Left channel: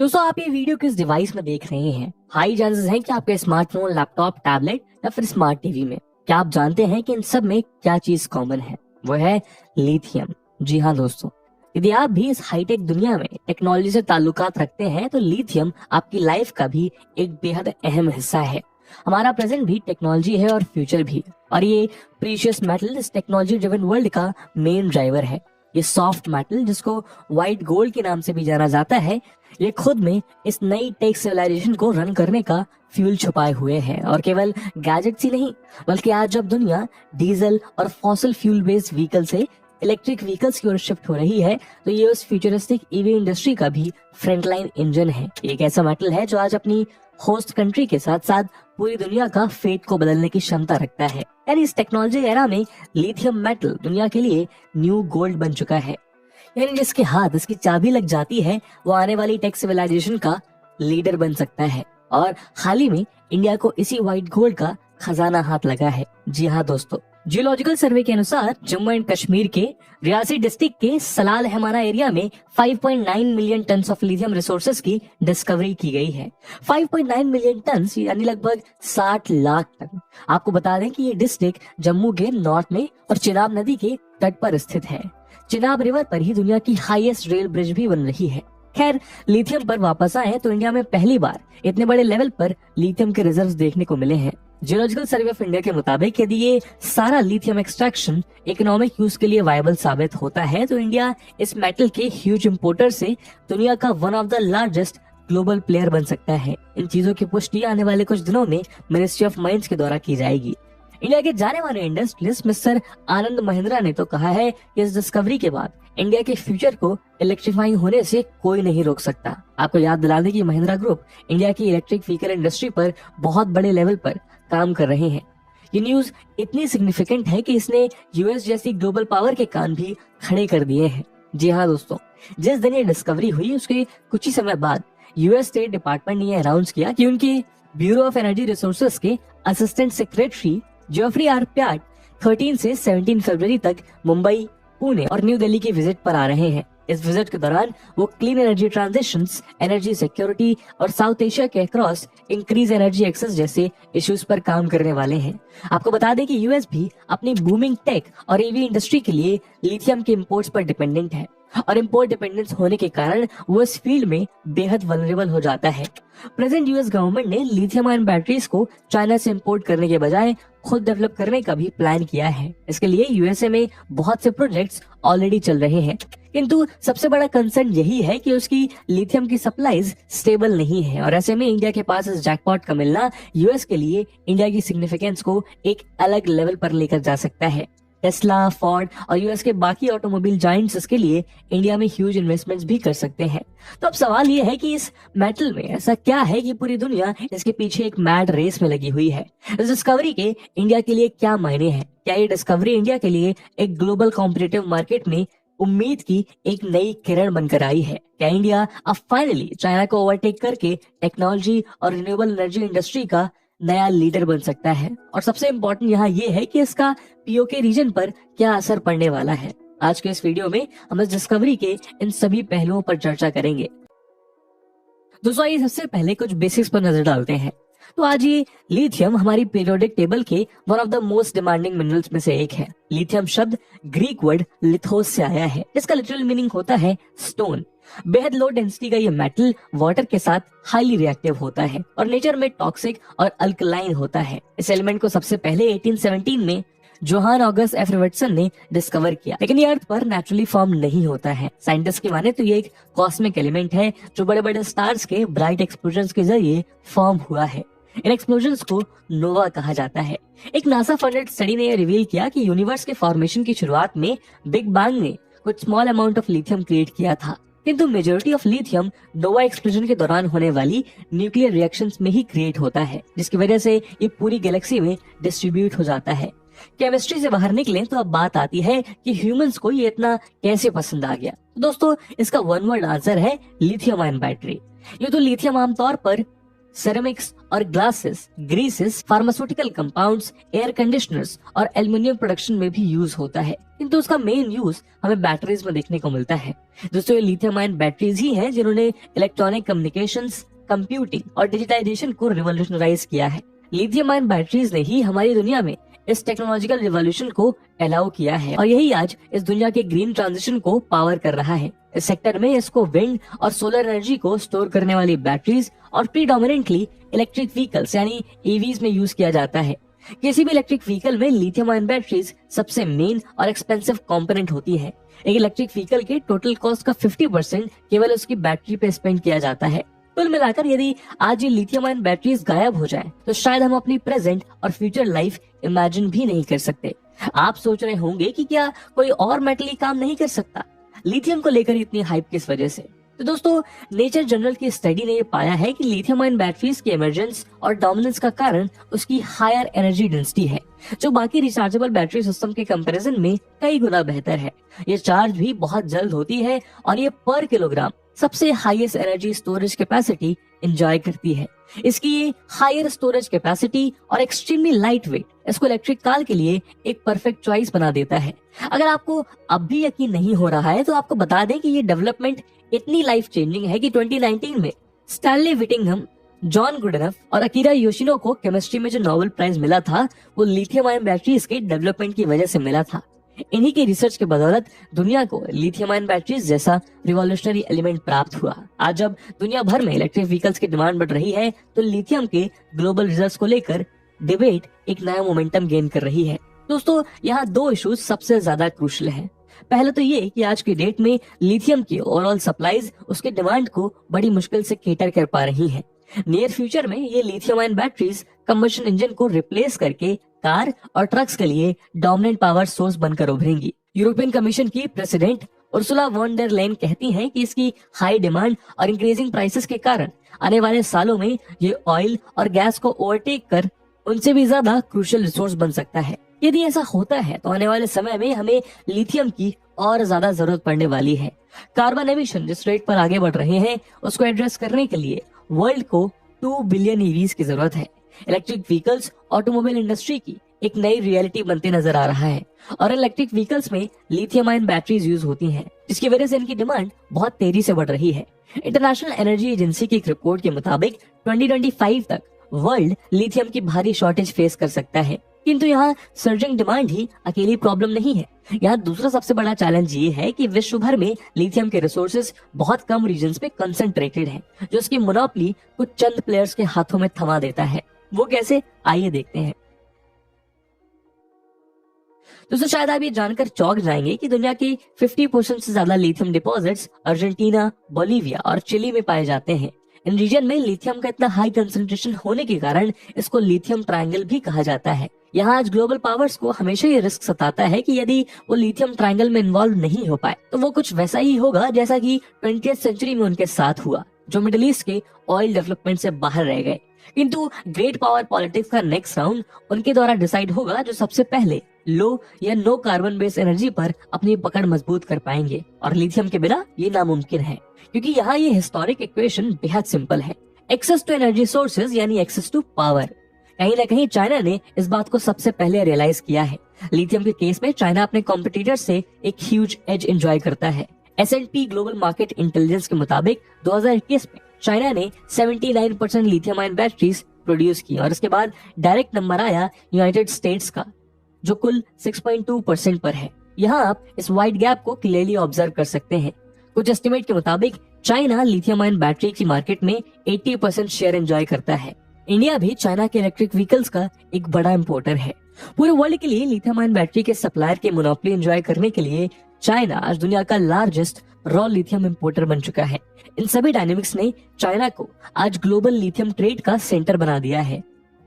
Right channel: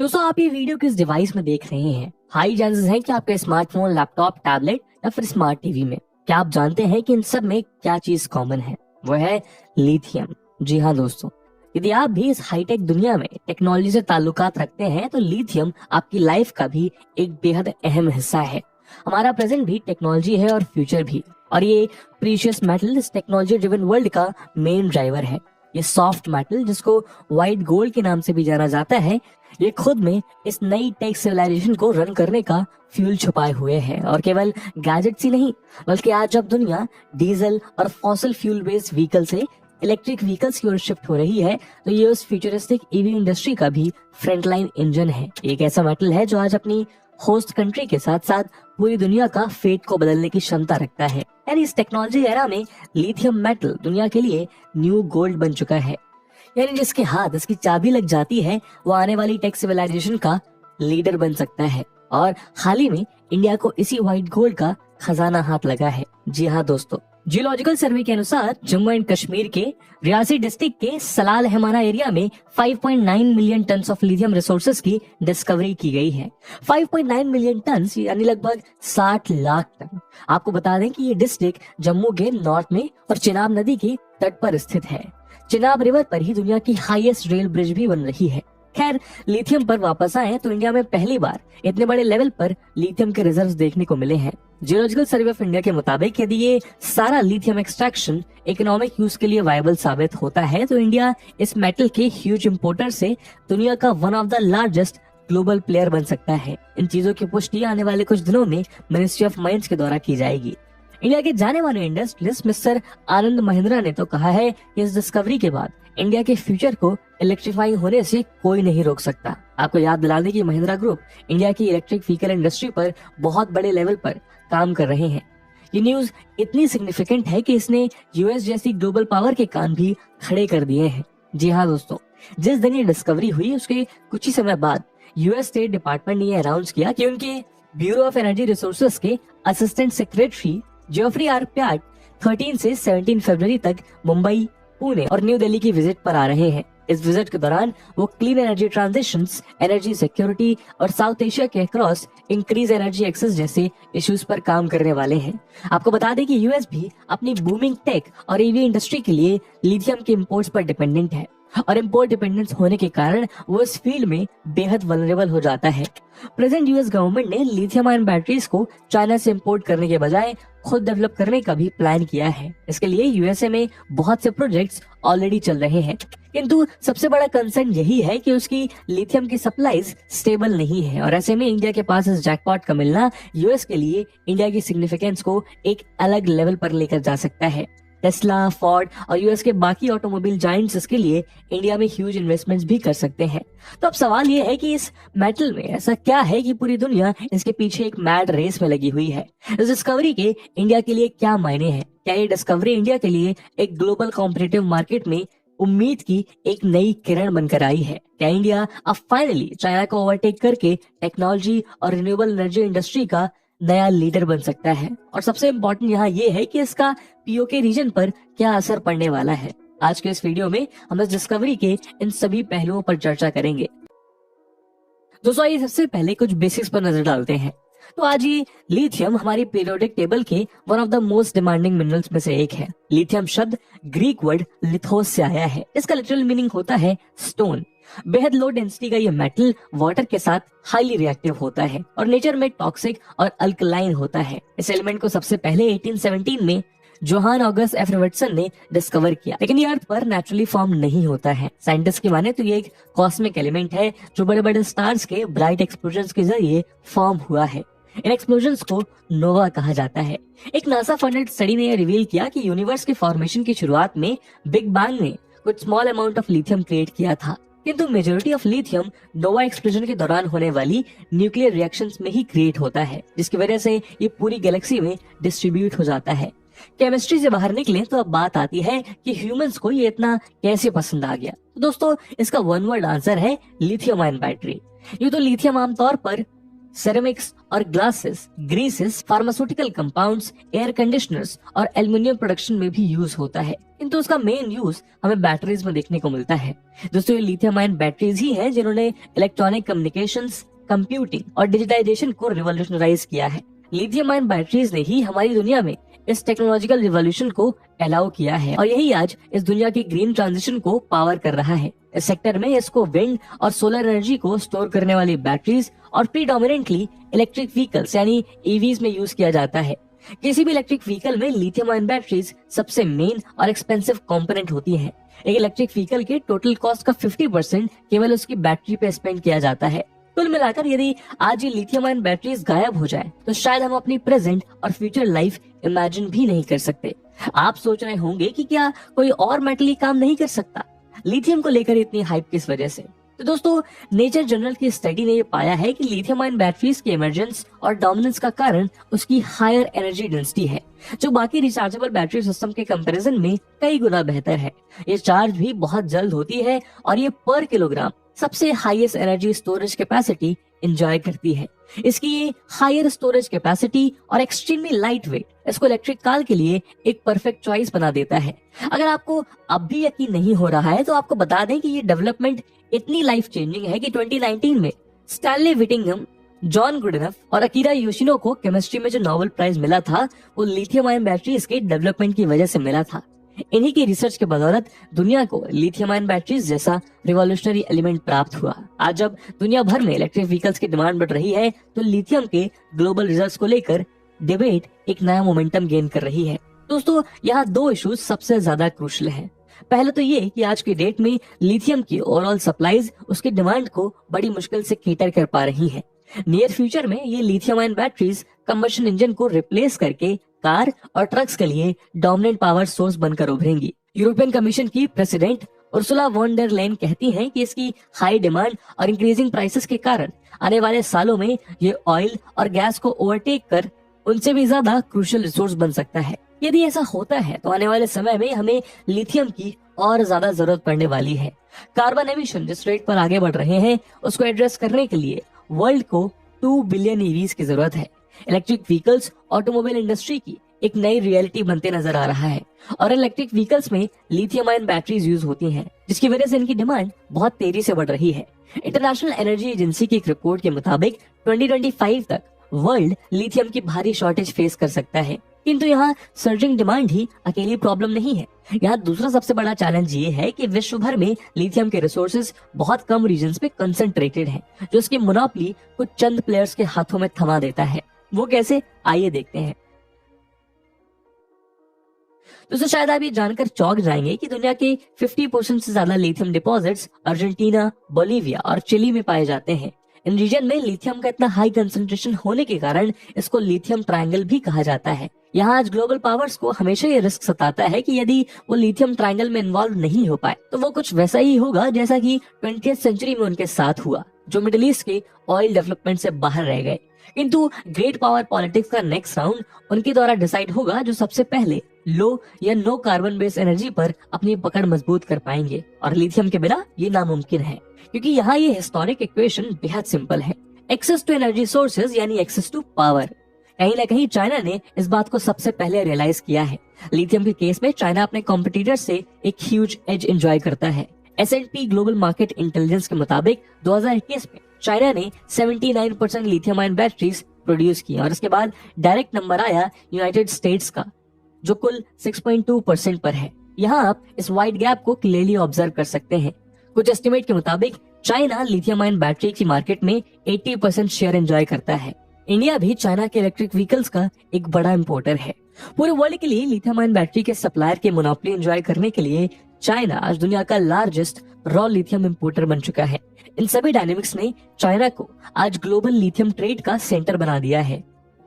दोस्तों, आप ये वीडियो किस डिवाइस में देख रहे हैं? हाई चांसेस हैं कि आपके स्मार्टफोन, लैपटॉप, टैबलेट या फिर स्मार्ट टीवी में। क्या आप जानते हैं कि इन सब में क्या चीज कॉमन है? वो है लिथियम। जी हाँ दोस्तों, यदि आप भी इस हाईटेक दुनिया में टेक्नोलॉजी से ताल्लुकात रखते हैं तो लिथियम आपकी लाइफ का भी एक बेहद अहम हिस्सा है। हमारा प्रेजेंट भी टेक्नोलॉजी है और फ्यूचर भी, और ये प्रीशियस मेटल इस टेक्नोलॉजी ड्रिवन वर्ल्ड का मेन ड्राइवर है। ये सॉफ्ट मेटल, जिसको व्हाइट गोल्ड के नाम से भी जाना जाता है, ये खुद में इस नई टेक सिविलाइजेशन को रन करने का फ्यूल छुपाए हुए है। और केवल गैजेट्स ही नहीं, बल्कि आज जब दुनिया डीजल और फॉसिल फ्यूल बेस्ड व्हीकल से इलेक्ट्रिक व्हीकल्स की ओर शिफ्ट हो रही है, तो ये उस फ्यूचरिस्टिक ईवी इंडस्ट्री का भी फ्रंटलाइन इंजन है। एक ऐसा मेटल है जो आज अपनी होस्ट कंट्री के साथ साथ पूरी दुनिया का फेट को बदलने की क्षमता रखता है। यानी इस टेक्नोलॉजी एरा में लिथियम मेटल दुनिया के लिए न्यू गोल्ड बन चुका है। यानी जिसके हाथ इसकी चाबी लग जाती है, वो आने वाली टेक सिविलाइजेशन का लीडर बन सकता है। और हाल ही में इंडिया को इसी व्हाइट गोल्ड का खजाना हाथ लगा है। जी हाँ दोस्तों, जियोलॉजिकल सर्वे के अनुसार जम्मू एंड कश्मीर के रियासी डिस्ट्रिक्ट के सलाल हेमाना एरिया में 5.9 million ton of lithium resources की डिस्कवरी की गई है। 5.9 मिलियन टन यानी लगभग 60 लाख टन। आपको बता दें कि ये डिस्ट्रिक्ट जम्मू के नॉर्थ में और चिनाब नदी के तट पर स्थित है। चिनाब रिवर पर ही दुनिया की हाईएस्ट रेल ब्रिज भी बन रही है। खैर, लिथियम पर वापस आए तो इंडिया में पहली बार इतने बड़े लेवल पर लिथियम के रिजर्व्स देखने को मिले हैं। जियोलॉजिकल सर्वे ऑफ इंडिया के मुताबिक यदि ये सारा लिथियम एक्सट्रैक्शन इकोनॉमिक यूज के लिए वायबल साबित होता है तो इंडिया इस मेटल के ह्यूज इंपोर्टर से दुनिया का one of the largest global player बन सकता है। इन चीजों की पुष्टि आने वाले कुछ दिनों में मिनिस्ट्री ऑफ माइंस के द्वारा की जाएगी। इंडिया के जाने माने इंडस्ट्रियलिस्ट मिस्टर आनंद महिंद्रा ने तो कहा है कि इस डिस्कवरी के बाद इंडिया के फ्यूचर को इलेक्ट्रीफाइंग होने से कोई नहीं रोक सकता। आपको याद दिलाने की महिंद्रा ग्रुप इंडिया की इलेक्ट्रिक व्हीकल इंडस्ट्री पर बहुत बड़े लेवल पर काम कर रही है। ये न्यूज इतनी सिग्निफिकेंट है कि इसने यूएस जैसी ग्लोबल पावर के कान भी खड़े कर दिए हैं। जी हाँ दोस्तों, जिस दिन ये डिस्कवरी हुई उसके कुछ ही समय बाद यूएस स्टेट डिपार्टमेंट ने यह अनाउंस किया कि उनके ब्यूरो ऑफ एनर्जी रिसोर्सेज के असिस्टेंट सेक्रेटरी जेफरी आर प्याट 13 से 17 फरवरी तक मुंबई, पुणे और न्यू दिल्ली की विजिट पर आ रहे हैं। इस विजिट के दौरान वो clean energy transitions, energy security और साउथ एशिया के अक्रॉस इंक्रीज एनर्जी एक्सेस जैसे इश्यूज पर काम करने वाले हैं। आपको बता दें कि यूएस भी अपनी बूमिंग टेक और ईवी इंडस्ट्री के लिए लिथियम के इंपोर्ट्स पर डिपेंडेंट है, और इंपोर्ट डिपेंडेंस होने के कारण वो इस फील्ड में बेहद वल्नरेबल हो जाता है। प्रेजेंट यूएस गवर्नमेंट ने लिथियम आयन बैटरीज को चाइना से इंपोर्ट करने के बजाय खुद डेवलप करने का भी प्लान किया है। इसके लिए यूएसए में बहुत से प्रोजेक्ट्स ऑलरेडी चल रहे हैं, किंतु सबसे बड़ा कंसर्न यही है कि उसकी लिथियम की सप्लाईज स्टेबल नहीं है। और ऐसे में इंडिया के पास इस जैकपॉट का मिलना यूएस के लिए इंडिया की सिग्निफिकेंस को एक अलग लेवल पर लेकर जा सकता है। टेस्ला, फोर्ड और यूएस के बाकी ऑटोमोबाइल जायंट्स इसके लिए इंडिया में ह्यूज इन्वेस्टमेंट्स भी कर सकते हैं। तो अब सवाल ये है कि इस मेटल में ऐसा क्या है कि पूरी दुनिया इसके पीछे एक मैड रेस में लगी हुई है। इस डिस्कवरी के इंडिया के लिए क्या मायने हैं? क्या ये डिस्कवरी इंडिया के लिए एक ग्लोबल कॉम्पिटिटिव मार्केट में उम्मीद की एक नई किरण बनकर आई है? क्या इंडिया अब फाइनली चाइना को ओवरटेक करके टेक्नोलॉजी और रिन्यूएबल एनर्जी इंडस्ट्री का नया लीडर बन सकता है? और सबसे इम्पोर्टेंट यहाँ ये है कि इसका पीओके रीजन पर क्या असर पड़ने वाला है। आज के इस वीडियो में हम इस डिस्कवरी के इन सभी पहलुओं पर चर्चा करेंगे। दोस्तों, आइए सबसे पहले कुछ बेसिक्स पर नजर डालते हैं। तो आज ये लिथियम हमारी पीरियोडिक टेबल के one of the most demanding minerals में से एक है। लिथियम शब्द ग्रीक वर्ड लिथोस से आया है। इसका लिटरल मीनिंग होता है स्टोन। बेहद लो डेंसिटी का ये मेटल वाटर के साथ हाईली रिएक्टिव होता है और नेचर में टॉक्सिक और अल्कलाइन होता है। इस एलिमेंट को सबसे पहले 1817 में जोहान ऑगस्ट एफ रॉबर्टसन ने डिस्कवर किया, लेकिन ये अर्थ पर नेचुरली फॉर्म नहीं होता है। साइंटिस्ट की माने तो ये एक कॉस्मिक एलिमेंट है जो बड़े बड़े स्टार्स के ब्राइट एक्सप्लोजन्स के जरिए फॉर्म हुआ है। इन एक्सप्लोजन्स को नोवा कहा जाता है। एक नासा फंडेड स्टडी ने यह रिवील किया कि यूनिवर्स के फॉर्मेशन की शुरुआत में बिग बैंग ने कुछ small amount of lithium create किया था, किंतु majority of lithium Nova explosion के दौरान होने वाली न्यूक्लियर रिएक्शंस में ही क्रिएट होता है, जिसकी वजह से ये पूरी गैलेक्सी में डिस्ट्रीब्यूट हो जाता है। केमिस्ट्री से बाहर निकले तो अब बात आती है कि ह्यूमंस को ये इतना कैसे पसंद आ गया। तो दोस्तों, इसका वन वर्ड आंसर है लिथियम आयन बैटरी। ये तो लिथियम आमतौर पर सेरेमिक्स और glasses, greases, pharmaceutical compounds, air conditioners और एल्युमिनियम प्रोडक्शन में भी यूज होता है, किंतु उसका मेन यूज हमें बैटरीज में देखने को मिलता है। दोस्तों, ये लिथियम आयन बैटरीज ही हैं जिन्होंने इलेक्ट्रॉनिक कम्युनिकेशंस, कंप्यूटिंग और डिजिटाइजेशन को रिवॉल्यूशनराइज किया है। लिथियम आयन बैटरीज ने ही हमारी दुनिया में इस टेक्नोलॉजिकल रिवॉल्यूशन को अलाउ किया है और यही आज इस दुनिया के ग्रीन ट्रांजिशन को पावर कर रहा है। इस सेक्टर में इसको विंड और सोलर एनर्जी को स्टोर करने वाली बैटरीज और प्रीडोमिनेंटली इलेक्ट्रिक व्हीकल्स यानी ईवीज में यूज किया जाता है। किसी भी इलेक्ट्रिक व्हीकल में लिथियम आयन बैटरीज सबसे मेन और एक्सपेंसिव कंपोनेंट होती है। एक इलेक्ट्रिक व्हीकल के टोटल कॉस्ट का 50% केवल उसकी बैटरी पे स्पेंड किया जाता है। कुल मिलाकर यदि आज ये लिथियम आयन बैटरीज गायब हो जाए तो शायद हम अपनी प्रेजेंट और फ्यूचर लाइफ इमेजिन भी नहीं कर सकते। आप सोच रहे होंगे कि क्या कोई और मेटल ही काम नहीं कर सकता? लिथियम को लेकर इतनी हाइप किस वजह से? तो दोस्तों, नेचर जर्नल की स्टडी ने ये पाया है कि लिथियम आयन बैटरीज के इमरजेंस और डोमिनेंस का कारण उसकी हायर एनर्जी डेंसिटी है, जो बाकी रिचार्जेबल बैटरी सिस्टम के कंपैरिजन में कई गुना बेहतर है। ये चार्ज भी बहुत जल्द होती है और ये पर किलोग्राम सबसे highest energy storage capacity enjoy करती है। इसकी हायर स्टोरेज कैपेसिटी और एक्सट्रीमली लाइट वेट इसको इलेक्ट्रिक कार के लिए एक परफेक्ट चॉइस बना देता है। अगर आपको अब भी यकीन नहीं हो रहा है तो आपको बता दें कि ये डेवलपमेंट इतनी लाइफ चेंजिंग है कि 2019 में स्टैनली विटिंघम, जॉन गुडनफ और अकीरा योशिनो को केमिस्ट्री में जो नोबेल प्राइज मिला था वो लिथियम आयन बैटरीज के डेवलपमेंट की वजह से मिला था। इन्हीं की रिसर्च के बदौलत दुनिया को लिथियम आयन बैटरीज जैसा रिवॉल्यूशनरी एलिमेंट प्राप्त हुआ। आज जब दुनिया भर में इलेक्ट्रिक व्हीकल्स की डिमांड बढ़ रही है तो लिथियम के ग्लोबल रिजल्ट्स को लेकर डिबेट एक नया मोमेंटम गेन कर रही है। दोस्तों, यहाँ दो इश्यूज सबसे ज्यादा क्रूशियल हैं। पहले तो ये कि आज की डेट में लिथियम की ओवरऑल सप्लाईज उसकी डिमांड को बड़ी मुश्किल से केटर कर पा रही है। नियर फ्यूचर में ये lithium ion batteries combustion engine को रिप्लेस करके कार और ट्रक्स के लिए डोमिनेंट पावर सोर्स बनकर उभरेंगी। यूरोपियन कमीशन की प्रेसिडेंट उर्सुला वॉन डर लेyen कहती हैं कि इसकी हाई डिमांड और इंक्रीजिंग प्राइसेस के कारण आने वाले सालों में ये ऑयल और गैस को ओवरटेक कर उनसे भी ज्यादा क्रूशियल रिसोर्स बन सकता है। यदि ऐसा होता है तो आने वाले समय में हमें लिथियम की और ज्यादा जरूरत पड़ने वाली है। कार्बन एमिशन जिस रेट पर आगे बढ़ रहे हैं उसको एड्रेस करने के लिए वर्ल्ड को 2 बिलियन ईवीज की जरूरत है। इलेक्ट्रिक व्हीकल्स ऑटोमोबाइल इंडस्ट्री की एक नई रियलिटी बनते नजर आ रहा है और इलेक्ट्रिक व्हीकल्स में लिथियम आयन बैटरीज यूज होती हैं, जिसकी वजह से इनकी डिमांड बहुत तेजी से बढ़ रही है। इंटरनेशनल एनर्जी एजेंसी की एक रिपोर्ट के मुताबिक 2025 तक वर्ल्ड लिथियम की भारी शॉर्टेज फेस कर सकता है। किंतु यहाँ सर्जिंग डिमांड ही अकेली प्रॉब्लम नहीं है। यहाँ दूसरा सबसे बड़ा चैलेंज ये है कि विश्व भर में लिथियम के रिसोर्सेज बहुत कम रीजन्स पे कंसंट्रेटेड है, जो उसकी मोनोपोली कुछ चंद प्लेयर्स के हाथों में थमा देता है। वो कैसे, आइए देखते हैं। दोस्तों, शायद आप ये जानकर चौंक जाएंगे कि दुनिया के 50% से ज्यादा लिथियम डिपॉजिट्स अर्जेंटीना, बोलीविया और चिली में पाए जाते हैं। इन रीजन में लिथियम का इतना हाई कंसंट्रेशन होने के कारण इसको लिथियम ट्रायंगल भी कहा जाता है। यहाँ आज ग्लोबल पावर्स को हमेशा ये रिस्क सताता है कि यदि वो लिथियम ट्रायंगल में इन्वॉल्व नहीं हो पाए तो वो कुछ वैसा ही होगा जैसा कि 20th सेंचुरी में उनके साथ हुआ, जो मिडिल ईस्ट के ऑयल डेवलपमेंट से बाहर रह गए। किंतु ग्रेट पावर पॉलिटिक्स का नेक्स्ट राउंड उनके द्वारा डिसाइड होगा जो सबसे पहले लो या नो कार्बन बेस्ड एनर्जी पर अपनी पकड़ मजबूत कर पाएंगे, और लिथियम के बिना ये नामुमकिन है, क्योंकि यहाँ ये हिस्टोरिक इक्वेशन बेहद सिंपल है। एक्सेस टू एनर्जी सोर्सेज यानी एक्सेस टू पावर। कहीं ना कहीं चाइना ने इस बात को सबसे पहले रियलाइज किया है। लिथियम के केस में चाइना अपने कॉम्पिटिटर्स से एक ह्यूज एज एंजॉय करता है। S&P ग्लोबल मार्केट इंटेलिजेंस के मुताबिक 2021 में चाइना ने 79% लिथियम आयन बैटरीज प्रोड्यूस की और इसके बाद डायरेक्ट नंबर आया यूनाइटेड स्टेट्स का, जो कुल 6.2% पर है। यहाँ आप इस वाइड गैप को क्लियरली ऑब्जर्व कर सकते हैं। कुछ एस्टिमेट के मुताबिक चाइना लिथियम आयन बैटरी की मार्केट में 80% शेयर एंजॉय करता है। इंडिया भी चाइना के इलेक्ट्रिक व्हीकल्स का एक बड़ा इंपोर्टर है। पूरे वर्ल्ड के लिए लिथियम आयन बैटरी के सप्लायर के मोनोपोली एंजॉय करने के लिए चाइना आज दुनिया का लार्जेस्ट रॉ लिथियम इंपोर्टर बन चुका है। इन सभी डायनेमिक्स ने चाइना को आज ग्लोबल लिथियम ट्रेड का सेंटर बना दिया है।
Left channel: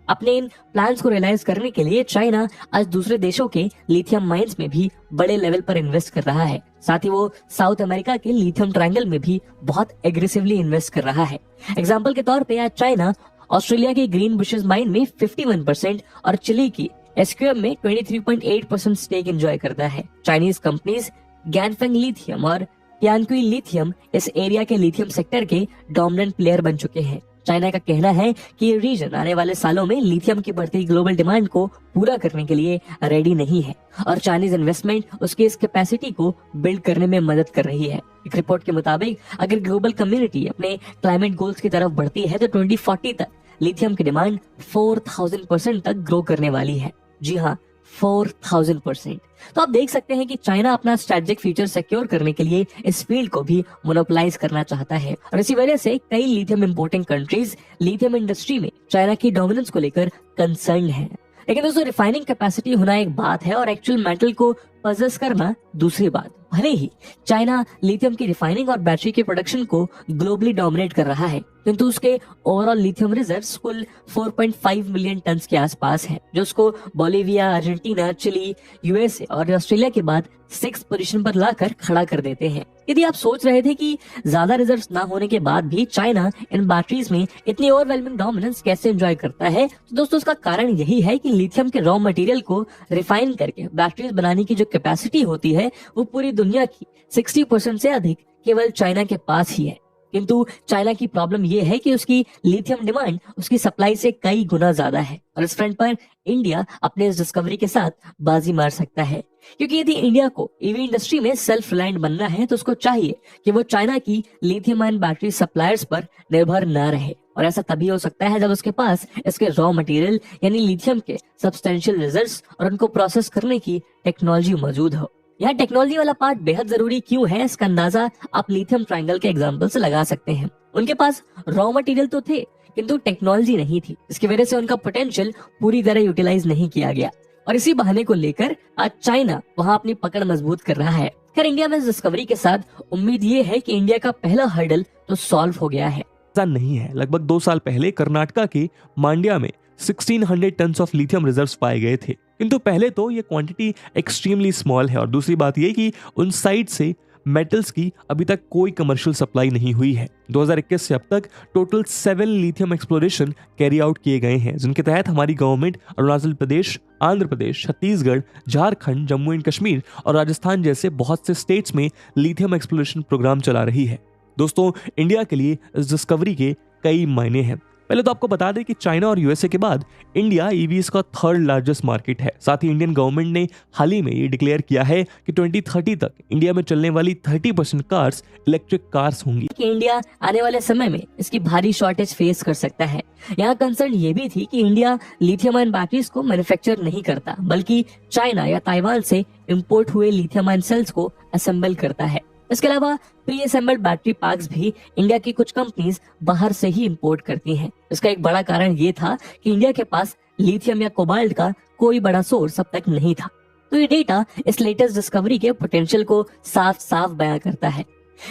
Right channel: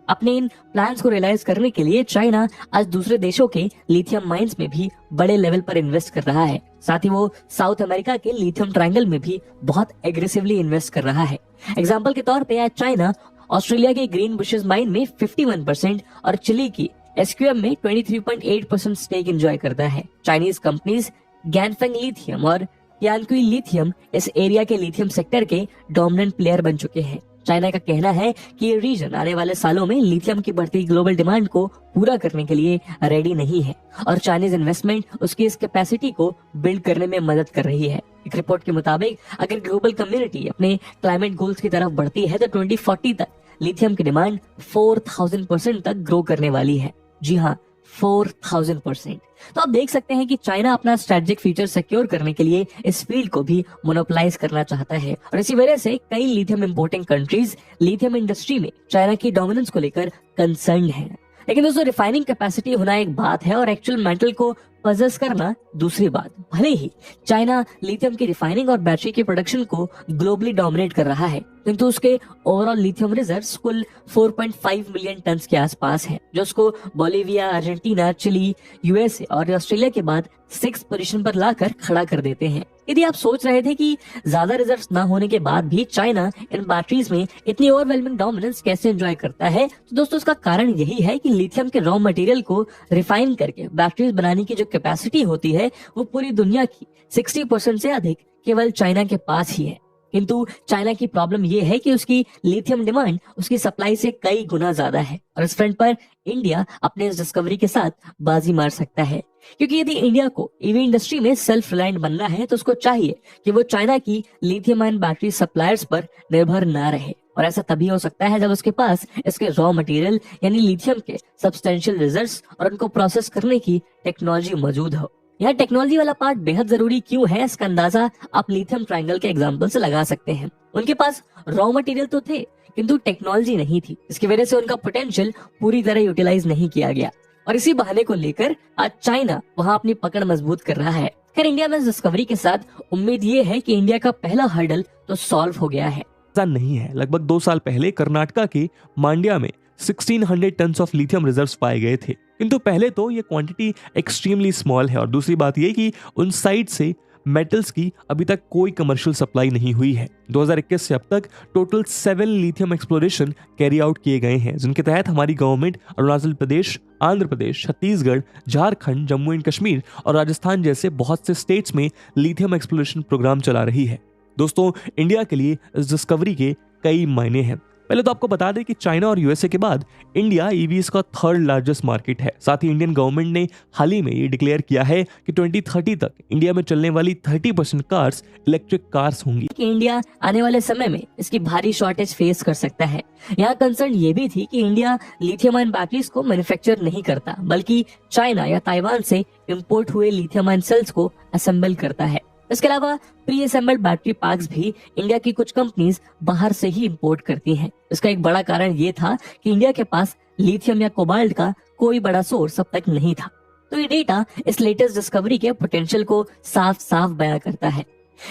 अपने इन प्लान्स को रियलाइज करने के लिए चाइना आज दूसरे देशों के लिथियम माइंस में भी बड़े लेवल पर इन्वेस्ट कर रहा है। साथ ही वो साउथ अमेरिका के लिथियम ट्रायंगल में भी बहुत एग्रेसिवली इन्वेस्ट कर रहा है। एग्जाम्पल के तौर पे आज चाइना ऑस्ट्रेलिया की ग्रीन बुशेस माइन में 51% और चिली की SQM में 23.8% स्टेक एंजॉय करता है। चाइनीज कंपनीज गैनफेंग लिथियम और तियानक्वी लिथियम इस एरिया के लिथियम सेक्टर के डोमिनेंट प्लेयर बन चुके हैं। चाइना का कहना है कि ये रीजन आने वाले सालों में लिथियम की बढ़ती ग्लोबल डिमांड को पूरा करने के लिए रेडी नहीं है और चाइनीज इन्वेस्टमेंट उसकी इस कैपेसिटी को बिल्ड करने में मदद कर रही है। एक रिपोर्ट के मुताबिक अगर ग्लोबल कम्युनिटी अपने क्लाइमेट गोल्स की तरफ बढ़ती है तो 2040 तक लिथियम की डिमांड 4000% तक ग्रो करने वाली है। जी हाँ, 4000%। तो आप देख सकते हैं कि चाइना अपना स्ट्रेटेजिक फ्यूचर सिक्योर करने के लिए इस फील्ड को भी मोनोपोलाइज करना चाहता है और इसी वजह से कई lithium importing countries lithium industry में चाइना की डोमिनेंस को लेकर कंसर्न है। लेकिन दोस्तों, रिफाइनिंग कैपेसिटी होना एक बात है और एक्चुअल मेटल को पजेस करना दूसरी बात। भले ही चाइना लिथियम की रिफाइनिंग और बैटरी के प्रोडक्शन को ग्लोबली डोमिनेट कर रहा है, किंतु उसके ओवरऑल लिथियम रिजर्व्स कुल 4.5 मिलियन टन के आसपास है, जो उसको बोलिविया, अर्जेंटीना, चिली, यूएसए और ऑस्ट्रेलिया के बाद 6th पोजीशन पर लाकर खड़ा कर देते हैं। यदि आप सोच रहे थे कि ज्यादा रिजर्व्स ना होने के बाद भी चाइना इन बैटरीज में इतनी ओवरवेलमिंग डोमिनेंस कैसे एंजॉय करता है, तो दोस्तों उसका कारण यही है कि लिथियम के रॉ मटेरियल को रिफाइन करके बैटरीज बनाने की जो कैपेसिटी होती है वो पूरी दुनिया की 60% से अधिक केवल चाइना के पास ही है। किंतु चाइना की प्रॉब्लम ये है कि उसकी लिथियम डिमांड उसकी सप्लाई से कई गुना ज्यादा है और इस फ्रंट पर इंडिया अपने इस डिस्कवरी के साथ बाजी मार सकता है, क्योंकि यदि इंडिया को ईवी इंडस्ट्री में सेल्फ रिलायंट बनना है तो उसको चाहिए कि वो चाइना की लिथियम आयन बैटरी सप्लायर्स पर निर्भर न रहे और ऐसा तभी हो सकता है जब उसके पास इसके रॉ मटेरियल यानी लिथियम के सब्सटेंशियल रिजर्व्स और उनको प्रोसेस करने की टेक्नोलॉजी मौजूद हो। यह टेक्नोलॉजी वाला पार्ट बेहद जरूरी क्यों है, इसका अंदाजा आप लिथियम ट्रायंगल के एग्जांपल से लगा सकते हैं। उनके पास रॉ मटेरियल तो थे किंतु टेक्नोलॉजी नहीं थी, इसकी वजह से उनका पोटेंशियल पूरी तरह यूटिलाइज नहीं किया गया और इसी बहाने को लेकर आज चाइना वहां अपनी पकड़ मजबूत कर रहा है। खैर, इंडिया में इस डिस्कवरी के साथ उम्मीद ये है कि इंडिया का पहला हर्डल तो सॉल्व हो गया है। नहीं है, लगभग 2 साल पहले कर्नाटका के मांड्या में 1600 टन ऑफ लिथियम रिजर्व्स पाए गए थे, किंतु पहले तो ये क्वांटिटी एक्सट्रीमली स्मॉल है और दूसरी बात ये कि उन साइट से मेटल्स की अभी तक कोई कमर्शियल सप्लाई नहीं हुई है। 2021 से अब तक total 7 lithium exploration carry out किए गए हैं, जिनके तहत हमारी गवर्नमेंट अरुणाचल प्रदेश, आंध्र प्रदेश, छत्तीसगढ़, झारखंड, जम्मू एंड कश्मीर और राजस्थान जैसे बहुत से स्टेट्स में लिथियम एक्सप्लोरेशन प्रोग्राम चला रही है। दोस्तों, इंडिया के लिए इस डिस्कवरी के कई मायने हैं। पहले तो आपको बता दें कि चाइना और यूएसए के बाद इंडिया ईवीज का 3rd लार्जेस्ट मार्केट है। साथ ही इंडियन गवर्नमेंट ने हाल ही में ये डिक्लेयर किया है कि 2030 तक इंडिया में चलने वाली 30% कार्स इलेक्ट्रिक कार्स होंगी। इंडिया आने वाले समय में इसकी भारी शॉर्टेज फेस कर सकता है। यहाँ कंसर्न ये भी थी कि इंडिया लिथियम आयन बैटरीज को मैन्युफैक्चर नहीं करता, बल्कि चाइना या ताइवान से इंपोर्ट हुए लिथियम आयन सेल्स को असेंबल करता है। इसके अलावा प्री असेंबल्ड बैटरी पैक्स भी इंडिया की कुछ कंपनीज बाहर से ही इंपोर्ट करती हैं। इसका एक बड़ा कारण ये था कि इंडिया के पास लिथियम या कोबाल्ट का कोई बड़ा सोर्स अब तक नहीं था। तो ये डेटा इस लेटेस्ट डिस्कवरी के पोटेंशियल को साफ साफ बयां करता है।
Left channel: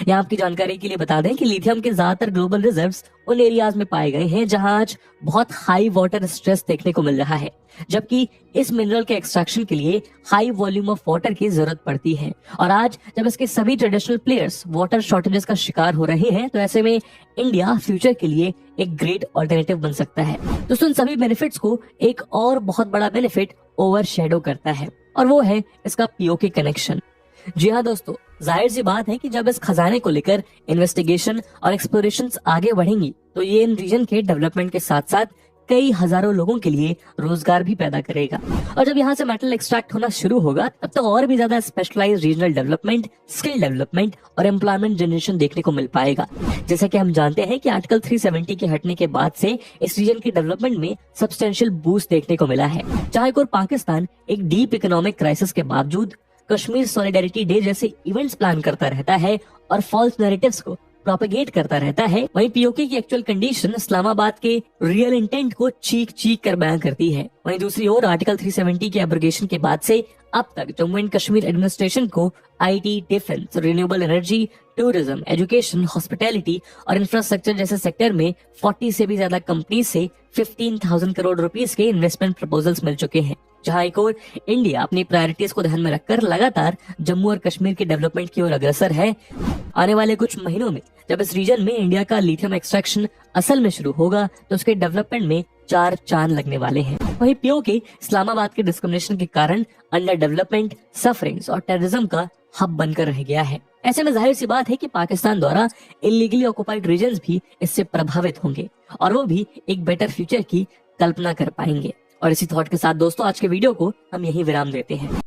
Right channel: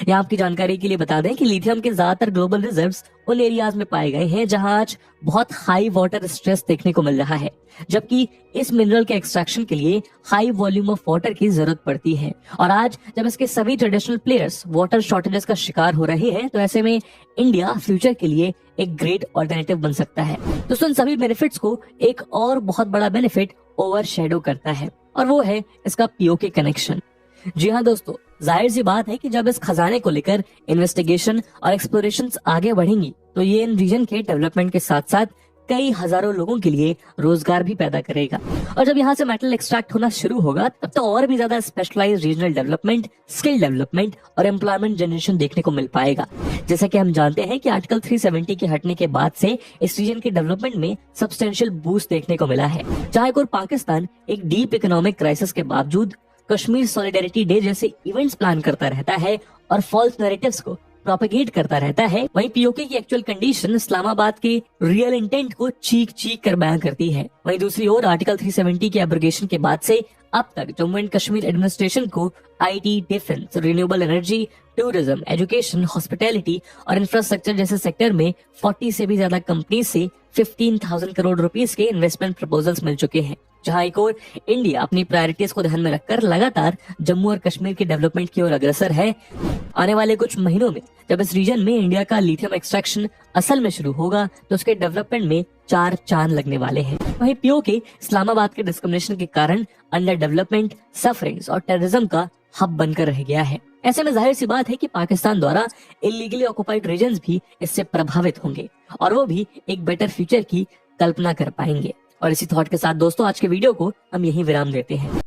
या आपकी जानकारी के लिए बता दें कि लिथियम के ज्यादातर ग्लोबल रिजर्व्स उन एरियाज में पाए गए हैं जहां आज बहुत हाई वाटर स्ट्रेस देखने को मिल रहा है, जबकि इस मिनरल के एक्सट्रैक्शन के लिए हाई वॉल्यूम ऑफ वाटर की जरूरत पड़ती है। और आज जब इसके सभी ट्रेडिशनल प्लेयर्स वाटर शॉर्टेजेस का शिकार हो रहे हैं, तो ऐसे में इंडिया फ्यूचर के लिए एक ग्रेट ऑल्टरनेटिव बन सकता है। दोस्तों, इन सभी बेनिफिट्स को एक और बहुत बड़ा बेनिफिट ओवरशैडो करता है और वो है इसका पीओके कनेक्शन। जी हाँ दोस्तों, जाहिर सी बात है कि जब इस खजाने को लेकर इन्वेस्टिगेशन और एक्सप्लोरेशंस आगे बढ़ेंगी तो ये इन रीजन के डेवलपमेंट के साथ साथ कई हजारों लोगों के लिए रोजगार भी पैदा करेगा। और जब यहाँ से मेटल एक्सट्रैक्ट होना शुरू होगा तब तो और भी ज्यादा specialized regional development, skill development और एम्प्लॉयमेंट जनरेशन देखने को मिल पाएगा। जैसे कि हम जानते हैं कि आर्टिकल 370 के हटने के बाद से इस रीजन के डेवलपमेंट में सब्सटेंशियल बूस्ट देखने को मिला है। चाहे कोई पाकिस्तान एक डीप इकोनॉमिक क्राइसिस के बावजूद कश्मीर सॉलिडेरिटी डे जैसे इवेंट्स प्लान करता रहता है और फॉल्स नैरेटिव्स को प्रोपेगेट करता रहता है, वहीं पीओके की एक्चुअल कंडीशन इस्लामाबाद के रियल इंटेंट को चीख चीख कर बयां करती है। वहीं दूसरी ओर आर्टिकल 370 के एब्रोगेशन के बाद से अब तक जम्मू एंड कश्मीर एडमिनिस्ट्रेशन को IT, defence, renewable energy, tourism, education, hospitality और इंफ्रास्ट्रक्चर जैसे सेक्टर में 40 से भी ज्यादा कंपनी से 15,000 करोड़ रुपीस के इन्वेस्टमेंट प्रपोजल्स मिल चुके हैं। जहां एक और इंडिया अपनी प्रायोरिटीज को ध्यान में रखकर लगातार जम्मू और कश्मीर के डेवलपमेंट की ओर अग्रसर है। आने वाले कुछ महीनों में जब इस रीजन में इंडिया का लिथियम एक्सट्रैक्शन असल में शुरू होगा तो उसके डेवलपमेंट में 4 चांद लगने वाले हैं। वहीं पीओके इस्लामाबाद के डिस्क्रिमिनेशन के कारण अंडर डेवलपमेंट, सफरिंग्स और टेररिज्म का हब बनकर रह गया है। ऐसे में जाहिर सी बात है कि पाकिस्तान द्वारा इलीगली ऑक्युपाइड रीजन्स भी इससे प्रभावित होंगे और वो भी एक बेटर फ्यूचर की कल्पना कर पाएंगे। और इसी थॉट के साथ दोस्तों आज के वीडियो को हम यही विराम देते हैं।